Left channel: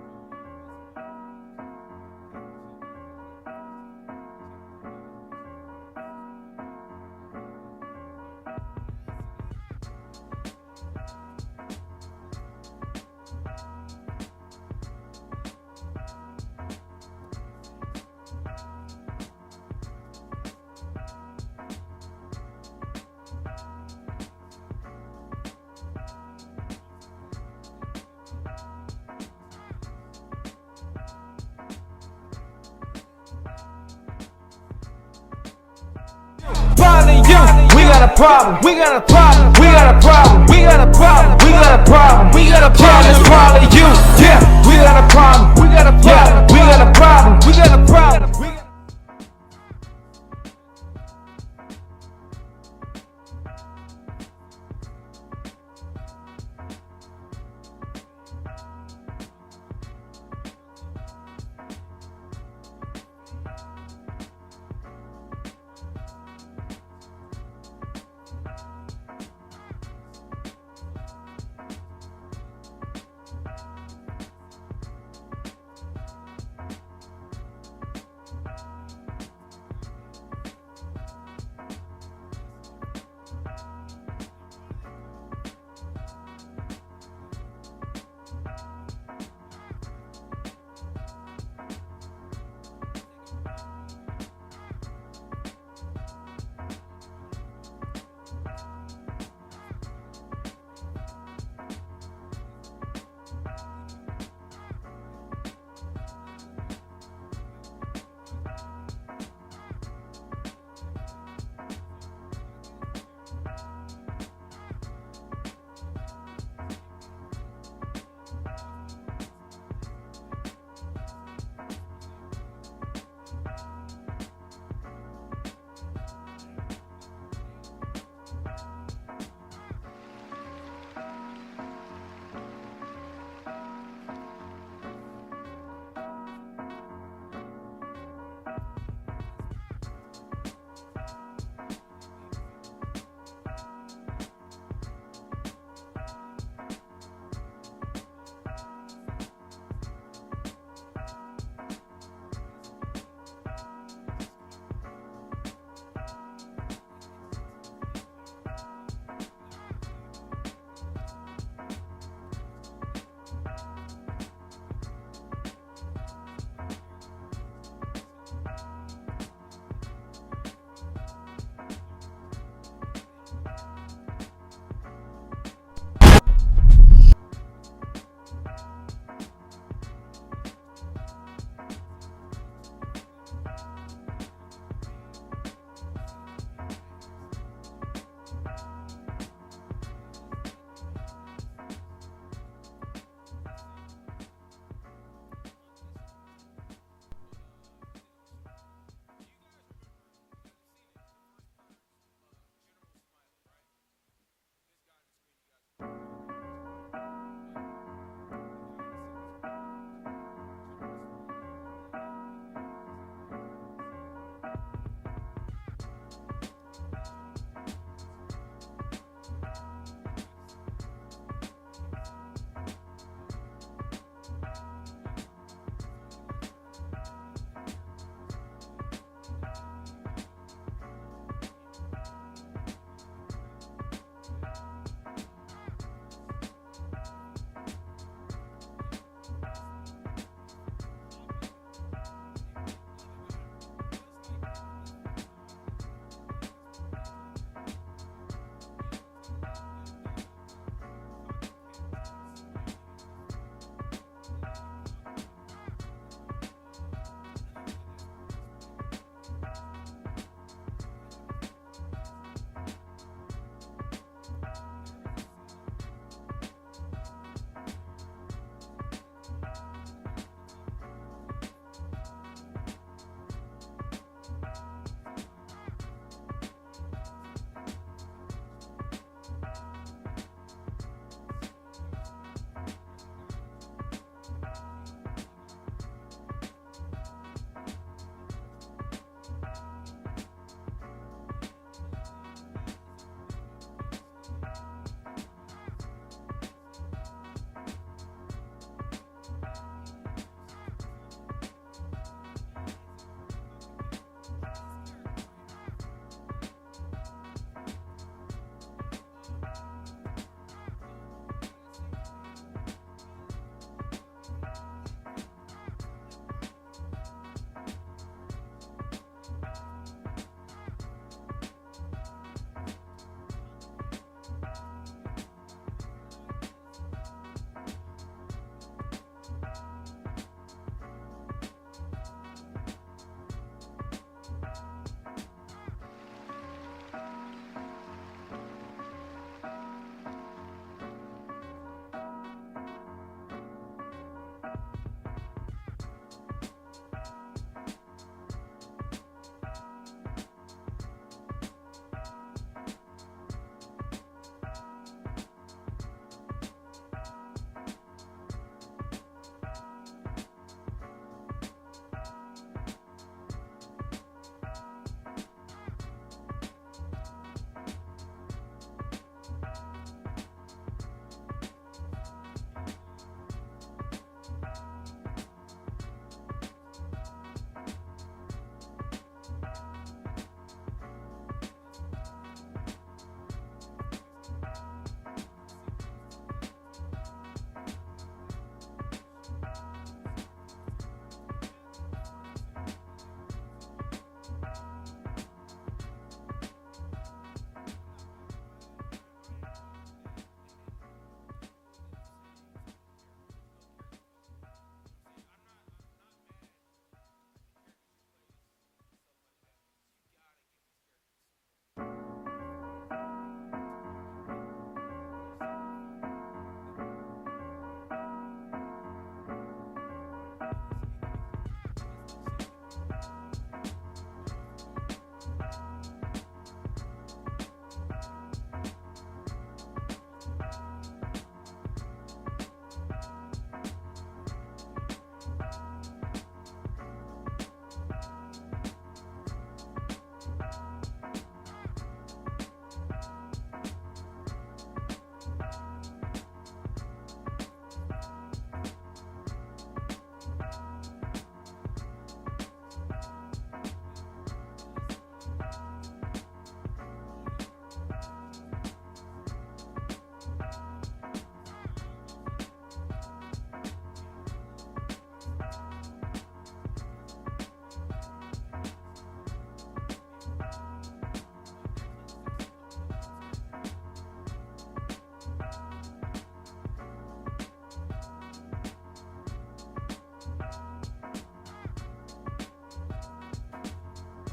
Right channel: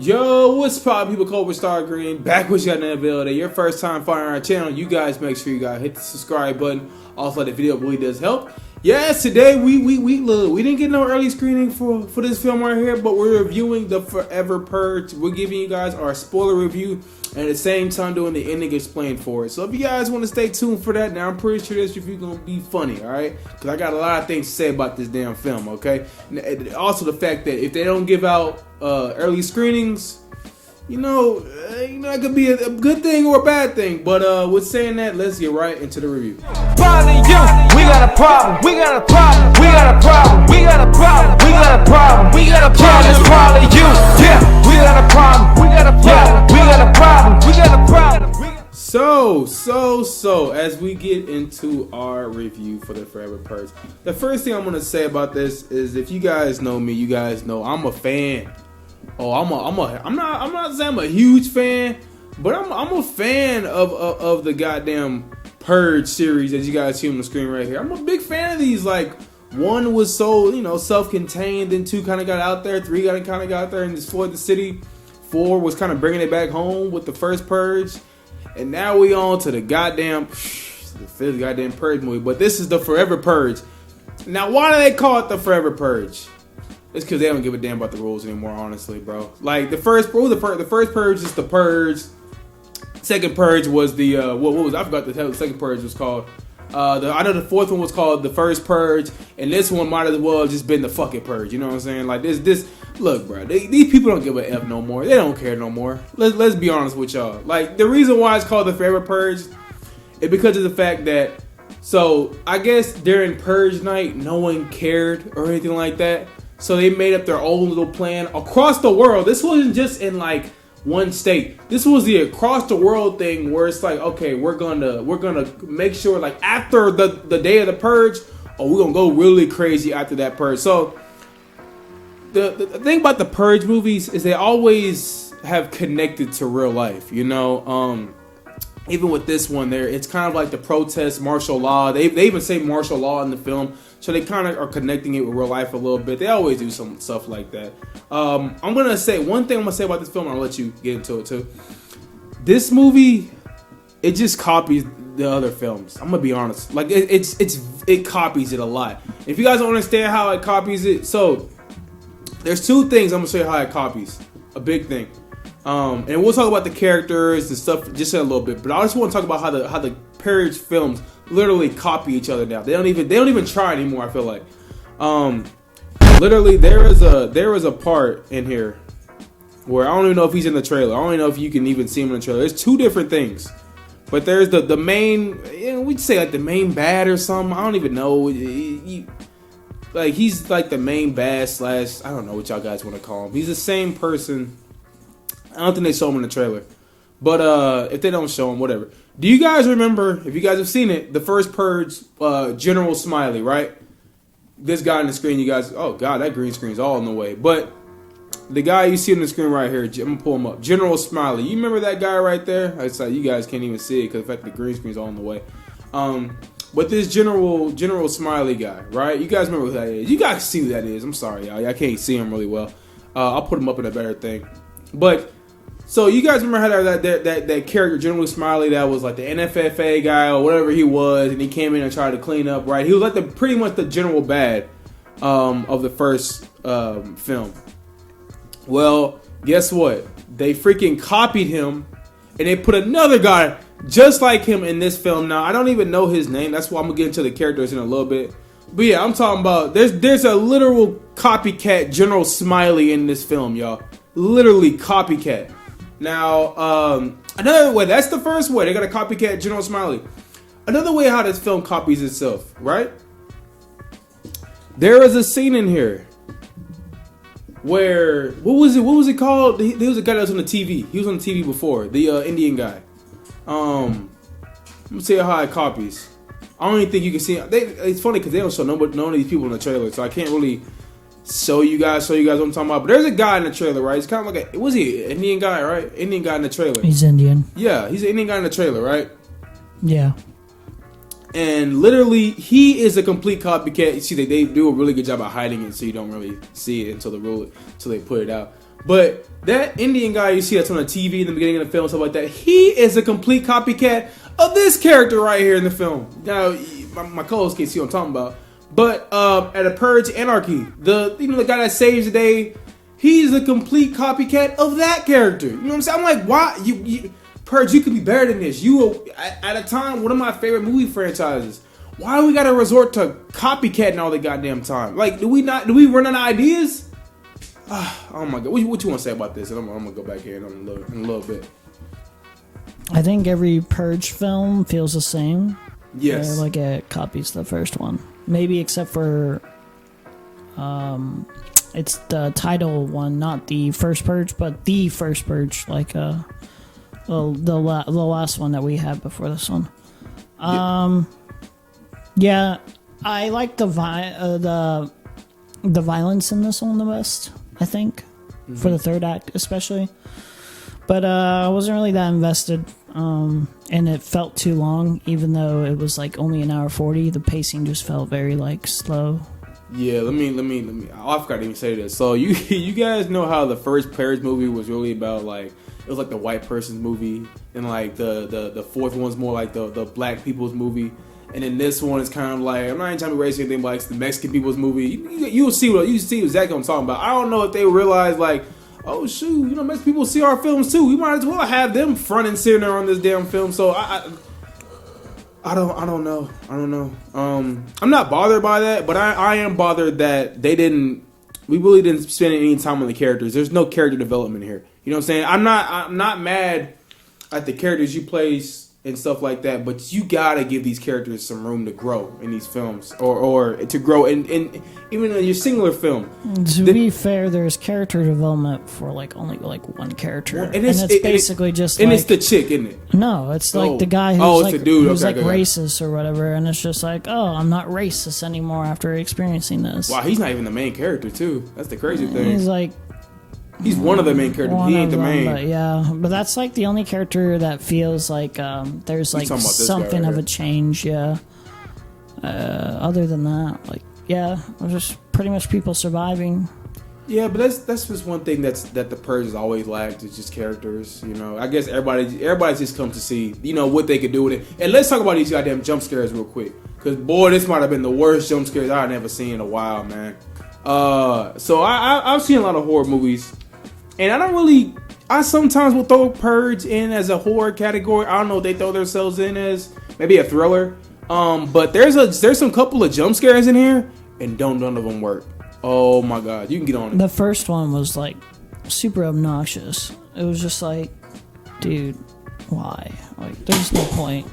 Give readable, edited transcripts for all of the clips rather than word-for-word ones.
Yo, what's poppin', people? Cobra Star Green back with you another video. Your first time finding our channel, you guys make sure you guys hit the subscribe button. Also, the video really does help. Yes, today we didn't get no early screening for this film right here, but we're reviewing the Forever Purge. We're giving you guys our spoiler review and at the same time doing the ending explain for it. So if you guys want to stay tuned for that, now I'm pretty sure this review gonna be funny, all right? Because I got a lot of things to say about this damn film, okay? And also the fact that if they don't give out early screenings, you know, it could be a good thing or a bad thing. But with saying that, let's get right into the review. Finally, we got a problem. We got a problem. We got a problem. We got a problem. We got a problem. We got a problem. It's probably you. Yeah, we got a problem. We got a problem. We got a problem. We got a problem. So as we get into our review for the Forever Purge, the first thing I'm gonna say about this is, if you guys know me, you guys know I'm a fan. I'm not saying I'm a huge fan, but I'm a fan of the goddamn Purge series, as you guys see on the screen right here. I'm a big fan of these. Like, one was so, self-contained, then 2 kind of got out there, 3 kind of got out there and explored the city. 4 was kind of bringing it back home with the first Purge, and now we on to the goddamn 5th goddamn Purge movie. But this is the Forever Purge. Now, why do they call it the Forever Purge? It's because they don't give a damn about the rules anymore, honestly, bro. Like, the first Purge is the Purge. Second Purge was the what was, I forgot the second Purge was called. I know the 4th one was called the First Purge, and this one might as well have just been the fucking Purge. You know what I'm saying? Like, this. Look, bro. These people don't give a f no more. They don't care no more. Let's be honest with y'all. Like, the reason why it's called the Forever Purge is because of the fact that, so I guess during Purge night, no one cared or anything like that. So they made up their own little plan across the world. This wasn't just in like one state. This was the across the world thing, where it's like, okay, we're gonna make sure, like, after the day of the Purge, we're gonna go really crazy after that Purge. So the thing about the Purge movies is they always have connected to real life, even with this one there, it's kind of like the protest, martial law. They even say martial law in the film, so they kind of are connecting it with real life a little bit. They always do some stuff like that. I'm gonna say one thing. I'm gonna say about this film, and I'll let you get into it too. This movie, it just copies the other films. I'm gonna be honest. Like, it copies it a lot. If you guys don't understand how it copies it, so there's 2 things I'm gonna show you how it copies. A big thing. And we'll talk about the characters and stuff just in a little bit, but I just want to talk about how the Purge films literally copy each other now. They don't even try anymore, I feel like. Literally there is a part in here where I don't even know if he's in the trailer. I don't even know if you can even see him in the trailer. There's 2 different things. But there's the main, we'd say like the main bad or something. I don't even know. Like, he's like the main bad / I don't know what y'all guys want to call him. He's the same person. I don't think they show him in the trailer, but if they don't show him, whatever. Do you guys remember, if you guys have seen it, the first Purge, General Smiley, right? This guy on the screen, you guys, oh god, that green screen's all in the way. But the guy you see on the screen right here, I'm gonna pull him up. General Smiley, you remember that guy right there? It's like you guys can't even see it because the fact the green screen's all in the way. But this General Smiley guy, right? You guys remember who that is? You guys see who that is? I'm sorry, y'all. I can't see him really well. I'll put him up in a better thing, but. So you guys remember how that character, General Smiley, that was like the NFFA guy or whatever he was, and he came in and tried to clean up, right? He was like pretty much the general bad of the first film. Well, guess what? They freaking copied him, and they put another guy just like him in this film. Now, I don't even know his name. That's why I'm gonna get into the characters in a little bit. But yeah, I'm talking about there's a literal copycat General Smiley in this film, y'all. Literally copycat. Now, another way, that's the first way. They got a copycat General Smiley. Another way how this film copies itself, right? There is a scene in here where, what was it called? There was a guy that was on the TV. He was on the TV before, the Indian guy. Let me tell you how it copies. I don't even think you can see it. It's funny because they don't show none of these people in the trailer, so I can't really show you guys what I'm talking about. But there's a guy in the trailer, right? It's kind of like was he an Indian guy, right? Indian guy in the trailer. He's Indian. Yeah, he's an Indian guy in the trailer, right? Yeah. And literally, he is a complete copycat. You see, they do a really good job of hiding it, so you don't really see it until they put it out. But that Indian guy you see that's on the TV in the beginning of the film, stuff like that, he is a complete copycat of this character right here in the film. Now, my co-host can't see what I'm talking about. But at a Purge Anarchy, the guy that saves the day, he's a complete copycat of that character. You know what I'm saying? I'm like, why you Purge? You could be better than this. You at a time one of my favorite movie franchises. Why do we gotta resort to copycatting all the goddamn time? Like, do we run out of ideas? Oh my god, what you want to say about this? And I'm gonna go back here in a little bit. I think every Purge film feels the same. Yes. Like it copies the first one. Maybe except for it's the title one, not the first Purge, but the first Purge, like the last one that we had before this one. Yeah, I like the violence in this one the best, I think, for the third act especially. But I wasn't really that invested, and it felt too long, even though it was like only an hour 40. The pacing just felt very like slow. Yeah, let me. I forgot to even say this. So you guys know how the first Purge movie was really about, like, it was like the white person's movie, and like the fourth one's more like the black people's movie, and then this one is kind of like, I'm not even trying to erase anything, but like it's the Mexican people's movie. You'll see exactly what I'm talking about. I don't know if they realize, like, oh shoot, Mexican people see our films too. We might as well have them front and center on this damn film. So I don't know. I'm not bothered by that, but I am bothered that we really didn't spend any time on the characters. There's no character development here. You know what I'm saying? I'm not mad at the characters you place and stuff like that, but you gotta give these characters some room to grow in these films, or to grow in even in your singular film. To be fair, there's character development for only one character, and it's basically just and it's the chick, isn't it? No, it's like the guy who's it's the dude who's okay. racist or whatever, and it's just like, oh, I'm not racist anymore after experiencing this. Wow, he's not even the main character too. That's the crazy thing. He's one of the main characters. He ain't the main. But that's like the only character that feels like there's like something of a change. Yeah. Other than that, it's just pretty much people surviving. Yeah, but that's just one thing that the Purge has always lacked. It's just characters. I guess everybody just comes to see what they could do with it. And let's talk about these goddamn jump scares real quick, because boy, this might have been the worst jump scares I've ever seen in a while, man. So I've seen a lot of horror movies. And I sometimes will throw Purge in as a horror category. I don't know if they throw themselves in as maybe a thriller. But there's some couple of jump scares in here, and none of them work. Oh my god, you can get on it. The first one was like super obnoxious. It was just like, dude, why? Like, there's no point.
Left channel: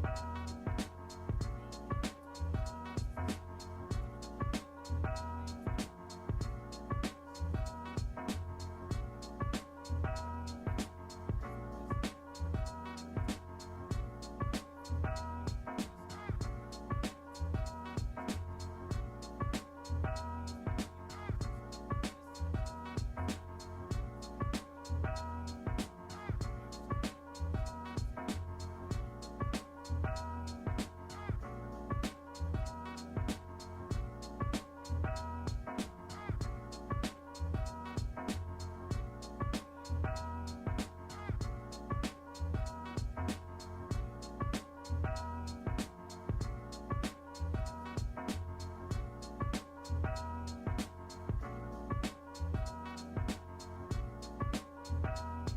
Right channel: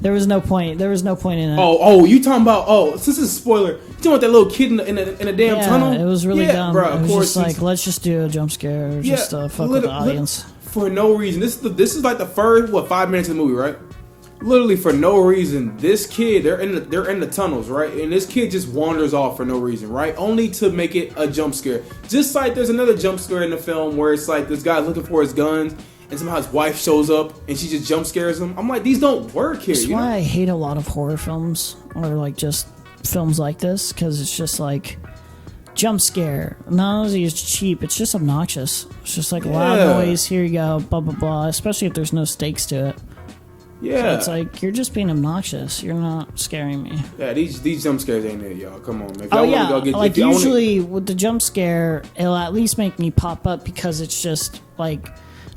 There was no point in it. Oh, you talking about? Oh, this is a spoiler. You talking about that little kid in a damn tunnel? It was really dumb. Bro, it was just like, let's just do a jump scare, or just fuck with the audience for no reason. This is like the first 5 minutes of the movie, right? Literally for no reason. This kid, they're in the tunnels, right? And this kid just wanders off for no reason, right? Only to make it a jump scare. Just like there's another jump scare in the film where it's like this guy's looking for his guns, and somehow his wife shows up and she just jump scares him. I'm like, these don't work here. That's why I hate a lot of horror films, or like just films like this, because it's just like jump scare. Not only is it cheap, it's just obnoxious. It's just like loud noise. Here you go, blah blah blah. Especially if there's no stakes to it. Yeah, so it's like you're just being obnoxious. You're not scaring me. Yeah, these jump scares ain't it, y'all. Come on, man. Usually with the jump scare, it'll at least make me pop up because it's just like.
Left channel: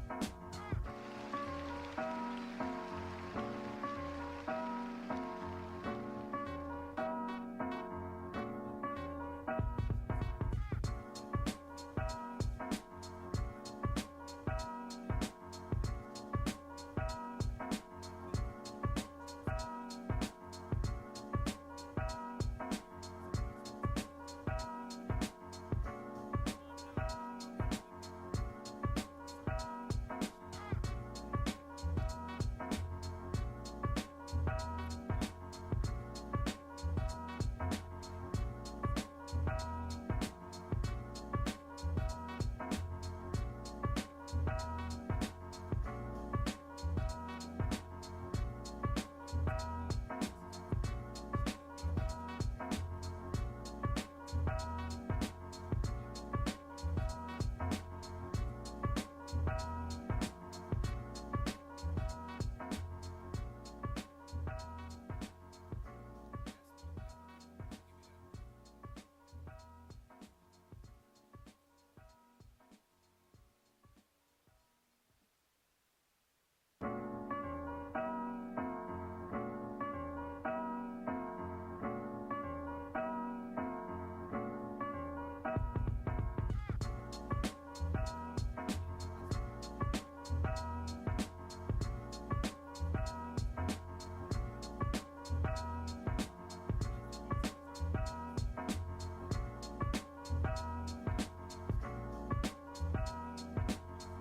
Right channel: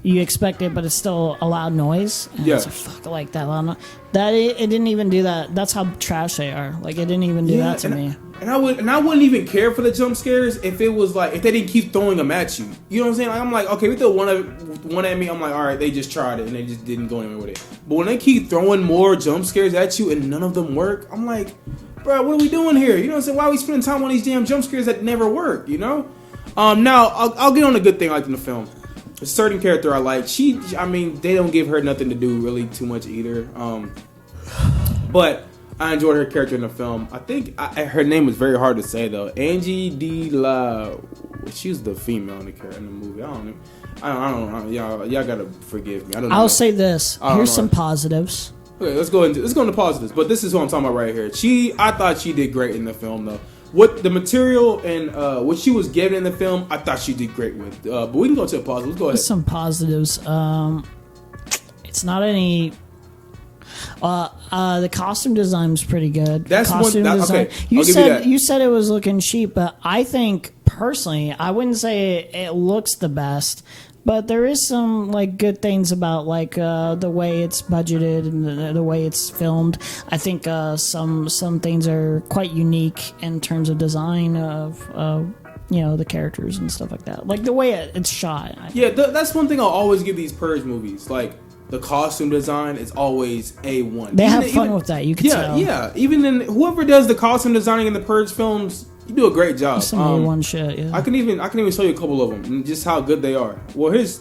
You expect it, but it's still a loud noise. And it's fuck like that loud noise. It didn't even do that. That's how trash they are. Like, it didn't even do that to me. And I wouldn't even care for the jump scares if it was like, if they didn't keep throwing them at you. You know what I'm saying? Like, I'm like, okay, we throw one at me. I'm like, all right, they just tried it and they just didn't go anywhere with it. But when they keep throwing more jump scares at you and none of them work, I'm like, bro, what are we doing here? You know what I'm saying? Why are we spending time on these damn jump scares that never work? Now I'll get on a good thing I like in the film. A certain character I like. They don't give her nothing to do really too much either. But I enjoyed her character in the film. I think her name was very hard to say though. Angie De La. She was the female in the movie. I don't know. Y'all gotta forgive me. I don't know. I'll say this. Here's some positives. Okay, let's go into positives. But this is what I'm talking about right here. I thought she did great in the film though. What the material and what she was given in the film, I thought she did great with. But we can go to the positives. Let's go ahead. Some positives. It's not any. The costume design's pretty good. That's costume one. design. Okay, You said it was looking cheap, but I think personally, I wouldn't say it looks the best. But there is some like good things about like the way it's budgeted and the way it's filmed. I think some things are quite unique in terms of design of the characters and stuff like that. Like the way it's shot. Yeah, that's one thing I'll always give these Purge movies. Like the costume design is always A1. They have fun with that. You can tell. Yeah. Even in whoever does the costume designing in the Purge films, you do a great job. Some A1 shit. Yeah. I can even show you a couple of them and just how good they are. Well, here's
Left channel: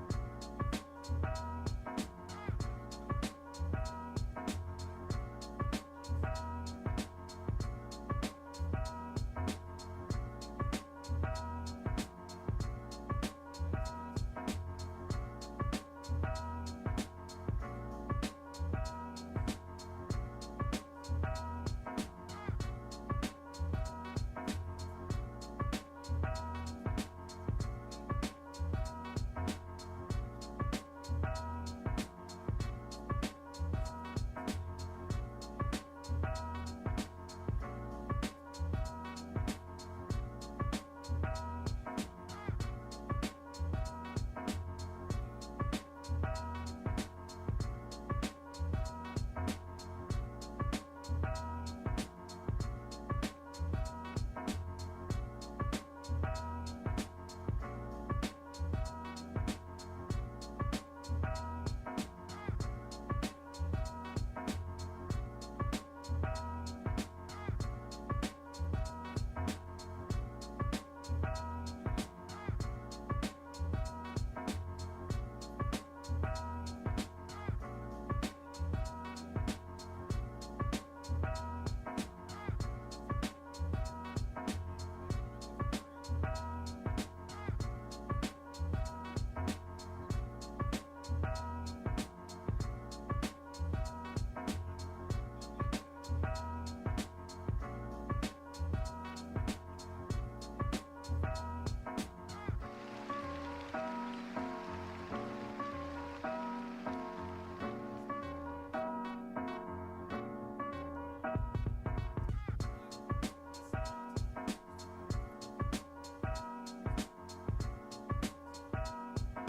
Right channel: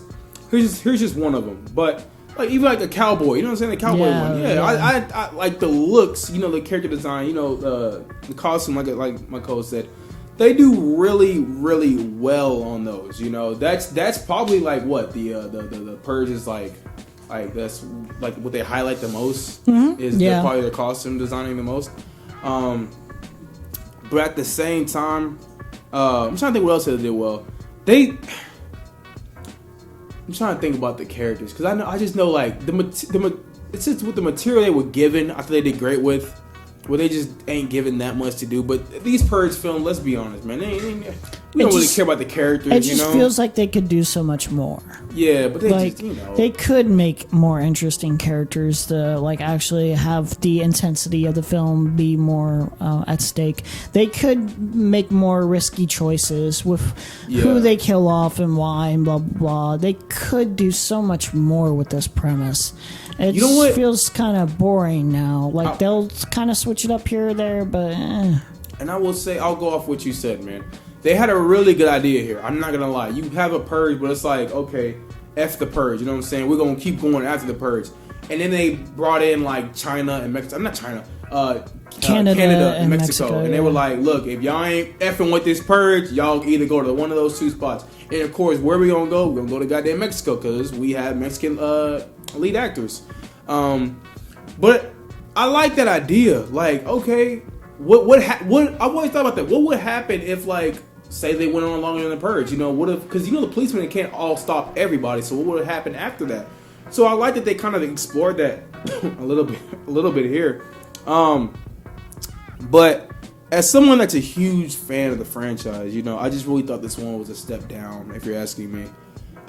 just one of them. But like even like a cowboy, you know what I'm saying? The cowboy one. Yeah. I like the looks. The character design. The costume. Like my coach said, they do really really well on those. That's probably like what the Purge is like. Like that's like what they highlight the most is probably their costume designing the most. But at the same time, I'm trying to think what else they did well. I'm trying to think about the characters because I just know like it's just with the material they were given. I thought they did great with. Where they just ain't given that much to do. But these Purge films, let's be honest, man, we don't really care about the characters. It just feels like they could do so much more. Yeah, but they could make more interesting characters to like actually have the intensity of the film be more at stake. They could make more risky choices with who they kill off and why and blah blah blah. They could do so much more with this premise. It feels kind of boring now. Like they'll kind of switch it up here or there, but. And I will say, I'll go off what you said, man. They had a really good idea here. I'm not gonna lie. You have a Purge, but it's like, okay, F the Purge. You know what I'm saying? We're gonna keep going after the Purge. And then they brought in like China and Mexico. Not China. Canada and Mexico. And they were like, look, if y'all ain't effing with this Purge, y'all either go to one of those two spots. And of course, where we gonna go? We're gonna go to goddamn Mexico because we have Mexican lead actors. But I like that idea. Like, okay, what I always thought about that. What would happen if, like, say they went on longer than the Purge? What if? Because the policemen can't all stop everybody. So what would happen after that? So I like that they kind of explored that a little bit here. But as someone that's a huge fan of the franchise, I just really thought this one was a step down. If you're asking me.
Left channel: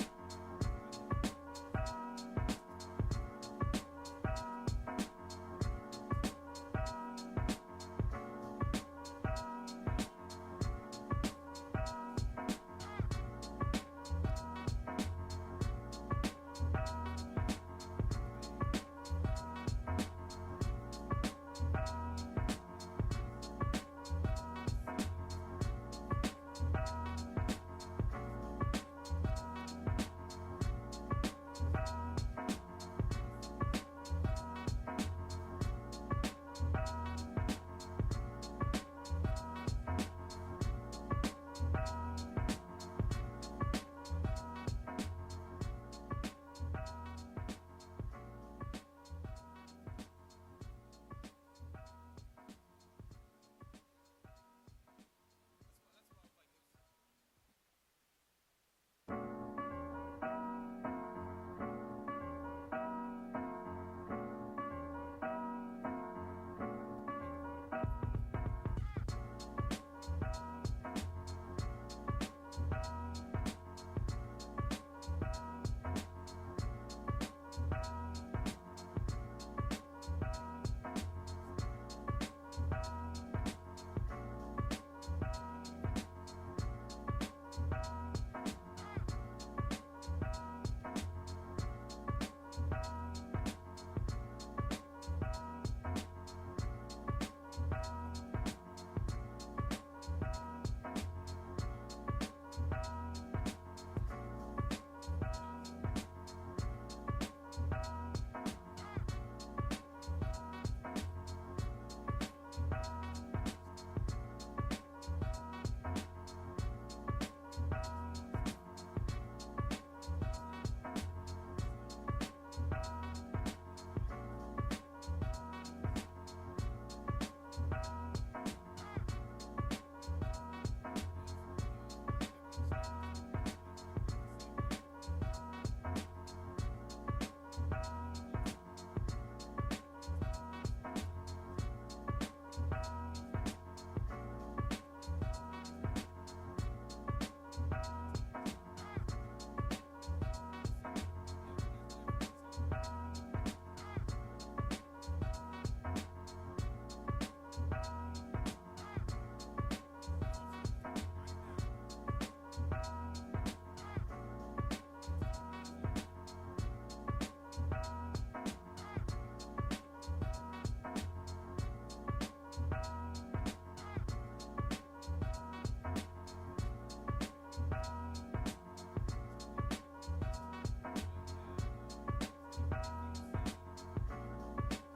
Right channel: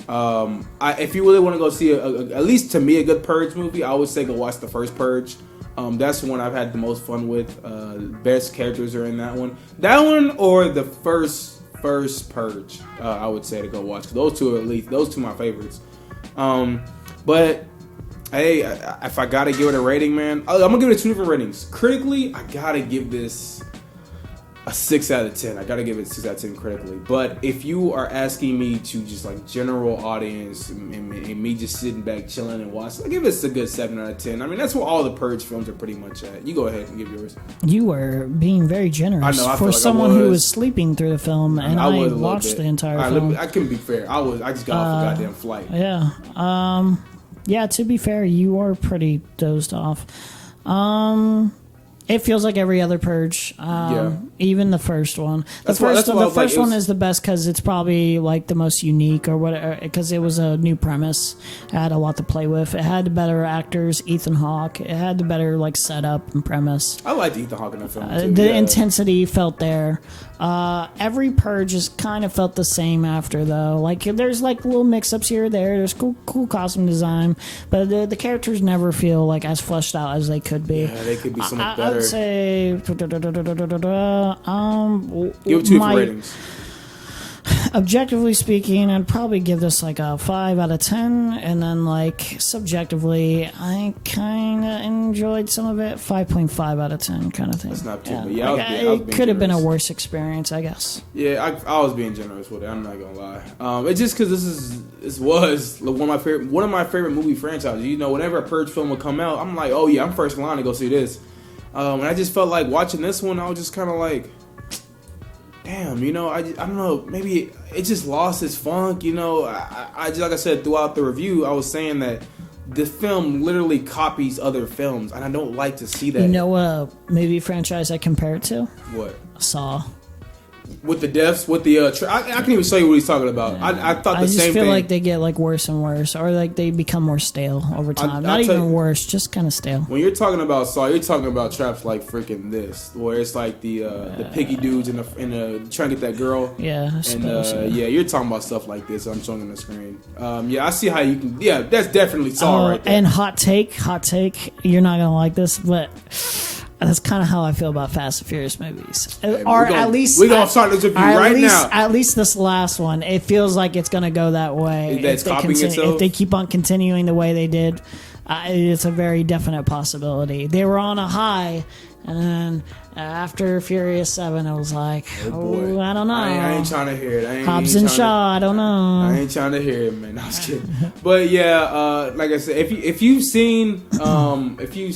If you really want to go see at least to me a good Purge movie, I would say go watch the first Purge. That's the one I've had the most fun with. Best characters are in that one. That one or the first Purge, I would say to go watch. Those two are my favorites. But hey, if I gotta give it a rating, man, I'm gonna give it 2 different ratings. Critically, I gotta give this a 6 out of 10. I gotta give it a 6 out of 10 critically. But if you are asking me to just like general audience and me just sitting back chilling and watching, I give this a good 7 out of 10. I mean, that's what all the Purge films are pretty much at. You go ahead and give yours. You were being very generous. I know, for someone who was sleeping through the film, and I watched the entire film. I couldn't be fair. I just got off a goddamn flight. Yeah. Yeah, to be fair, you are pretty dozed off. It feels like every other Purge, even the first one. The first one is the best because it's probably like the most unique or whatever. Because it was a new premise, it had a lot to play with. It had the better actors, Ethan Hawke. It had the better like setup and premise. I liked Ethan Hawke in the film too. The intensity felt there. Every Purge just kind of felt the same after though. Like there's like little mix-ups here or there. There's cool costume design, but the characters never feel like as fleshed out as they could be. Yeah, they could be so much better. I would say give it 2 different ratings. Objectively speaking, I'd probably give this like a 5 out of 10, and then like subjectively, I kind of enjoyed some of it. 5.5 out of 10 kind of thing. That's not too bad. Yeah, it could have been a worse experience, I guess. Yeah, I was being generous with it. I'm not gonna lie. It's just because this was one of my favorite movie franchises. Whenever a Purge film would come out, I'm like, oh yeah, I'm first in line to go see this. And I just felt like watching this one, I was just kind of like, damn, I don't know, maybe it just lost its funk, I just, like I said throughout the review, I was saying that this film literally copies other films, and I don't like to see that. You know what movie franchise I compare it to? What? Saw. With the deaths, with the I can't even show you what he's talking about. I thought the same thing. I just feel like they get like worse and worse, or like they become more stale over time. Not even worse, just kind of stale. When you're talking about Saw, you're talking about traps like freaking this, where it's like the piggy dudes in the trying to get that girl. Yeah, I suppose, yeah, you're talking about stuff like this. I'm showing on the screen. Yeah, I see how you can. Yeah, that's definitely Saw right there. And hot take. You're not gonna like this, but. That's kind of how I feel about Fast and Furious movies. Or at least we're gonna start this review right now. At least this last one, it feels like it's gonna go that way. That's copying itself. If they keep on continuing the way they did, it's a very definite possibility. They were on a high, and then after Furious 7, it was like, I don't know. I ain't trying to hear it. Hobbs and Shaw, I don't know. I ain't trying to hear it, man. I was kidding. But yeah, like I said, if you've seen 4, if you've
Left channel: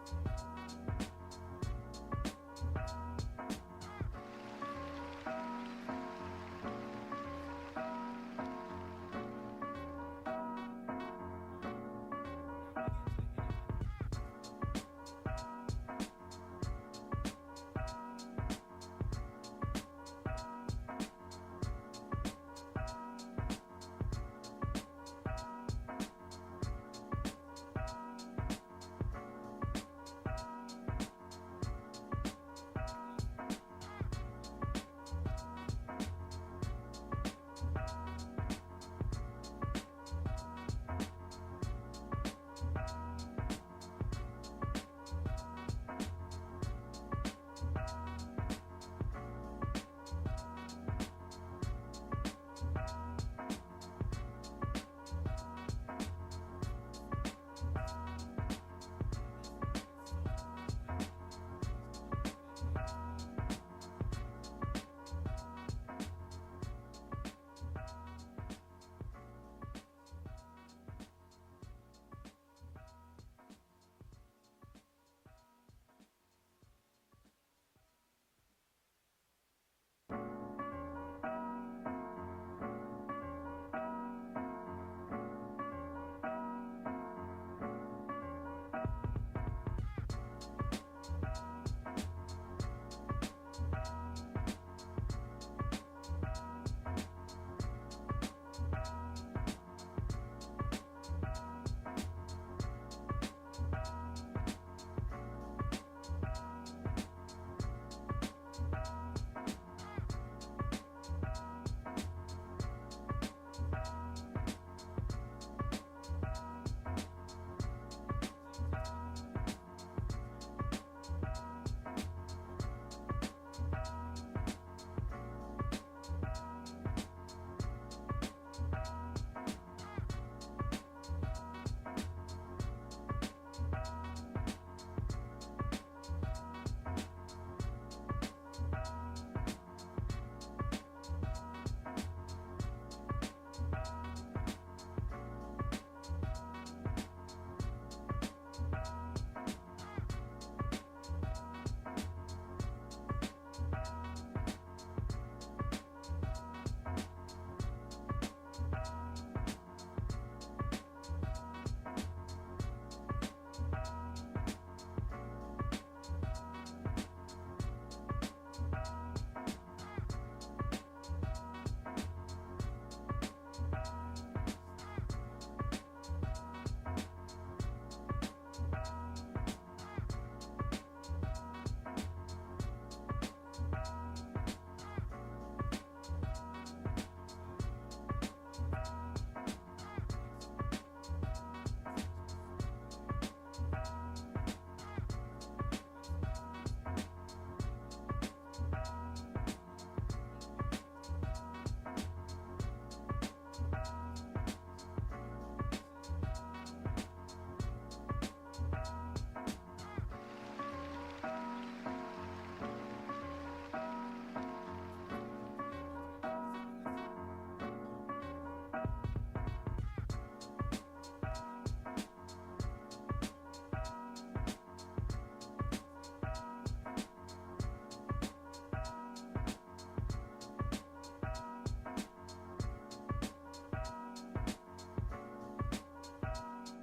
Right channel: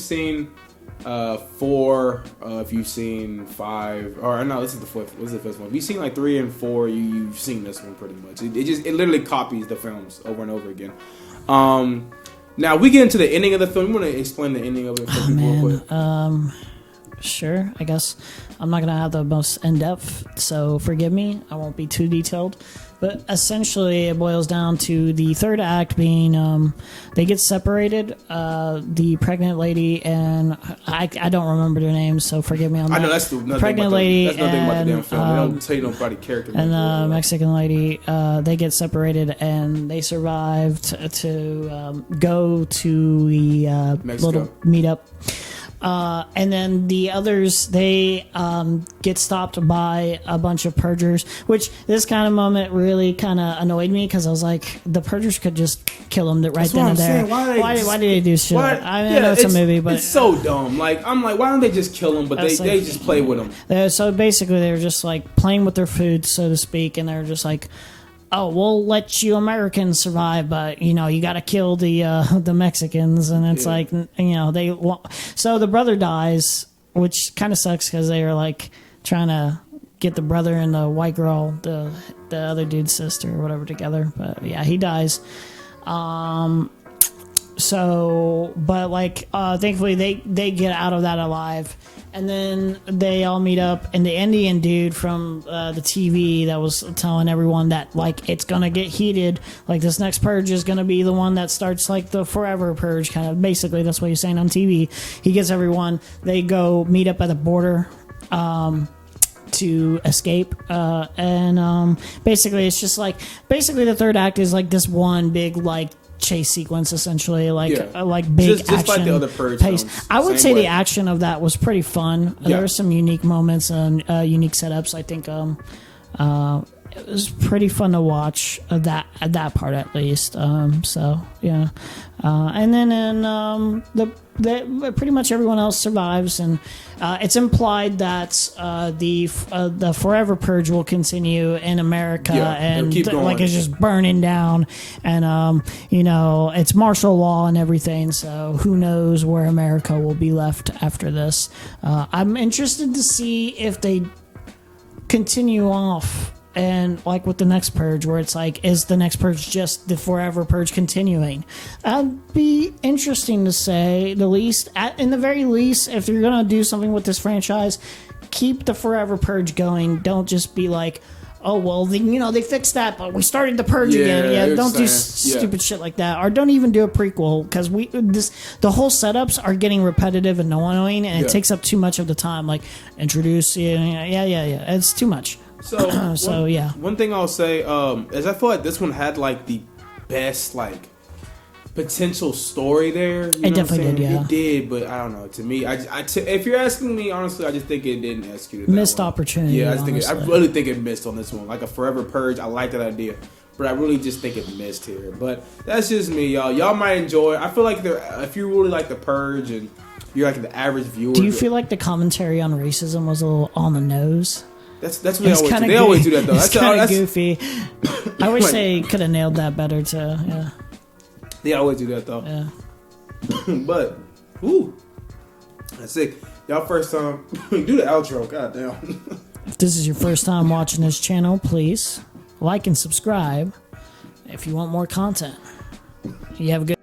seen 5, or no, this is the fourth. This is the first one. If you've seen like 3 and 4, you've seen this one pretty much. It literally copies the films over and over again. Now we get into the ending of the film. You want to explain the ending of it for people real quick? Sure, I guess I'm not gonna have the most in-depth, so forgive me. I won't be too detailed, but essentially it boils down to the third act being they get separated. The pregnant lady and I don't remember their names, so forgive me on that. I know that's the pregnant lady. That's nothing about the damn film. They don't tell you nobody character. And the Mexican lady, they get separated and they survived to go to the little meetup. And then the others, they get stopped by a bunch of purgers, which this kind of moment really kind of annoyed me because I was like, the purgers could just kill them right then and there. Why did they do shit? I know it's a movie, but it's so dumb. Like, I'm like, why don't they just kill them? But they just play with them. So basically, they were just like playing with their food, so to speak, and they're just like, oh, we'll let you Americans survive, but you got to kill the Mexicans, and it's like so the brother dies, which kind of sucks because they were like trying to get the brother and the white girl, the other dude's sister or whatever, together, but yeah, he dies. So, but like, thankfully they get out of that alive, and then they all meet up, and the Indian dude from the TV that was telling everyone that like it's gonna get heated, like this next purge is gonna be the one that starts like the forever purge, kind of basically that's what he's saying on TV. He gets everyone. They go meet up at the border. To escape, and basically it's just like the third act is like this one big like chase sequence, essentially, like big just action like the other Purge pace. films, I would say the action of that was pretty fun. There were some unique moments and unique setups. I think it was pretty fun to watch that part at least. So yeah, and then pretty much everyone else survives, and it's implied that the forever purge will continue in America, and like it's just burning down, and it's martial law and everything. So who knows where America will be left after this? I'm interested to see if they continue off. And like with the next purge, where it's like, is the next purge just the forever purge continuing? That'd be interesting to say the least. In the very least, if you're gonna do something with this franchise, keep the forever purge going. Don't just be like, oh well, they fixed that, but we started the purge again. Yeah, don't do stupid shit like that, or don't even do a prequel, because the whole setups are getting repetitive and annoying, and it takes up too much of the time. Like introduce, it's too much. So one thing I'll say is I feel like this one had like the best like potential story there. It definitely did, yeah. It did, but I don't know. To me, if you're asking me honestly, I just think it didn't execute it. Missed opportunity. Yeah, I really think it missed on this one. Like a forever purge, I like that idea, but I really just think it missed here. But that's just me, y'all. Y'all might enjoy it. I feel like if you really like the purge and you're like the average viewer, do you feel like the commentary on racism was a little on the nose? That's what they always do. They always do that though. It's kind of goofy. I wish they could have nailed that better too. Yeah. They always do that though. Yeah. But, that's it. Y'all first time do the outro. Goddamn. If this is your first time watching this channel, please like and subscribe if you want more content. You have a good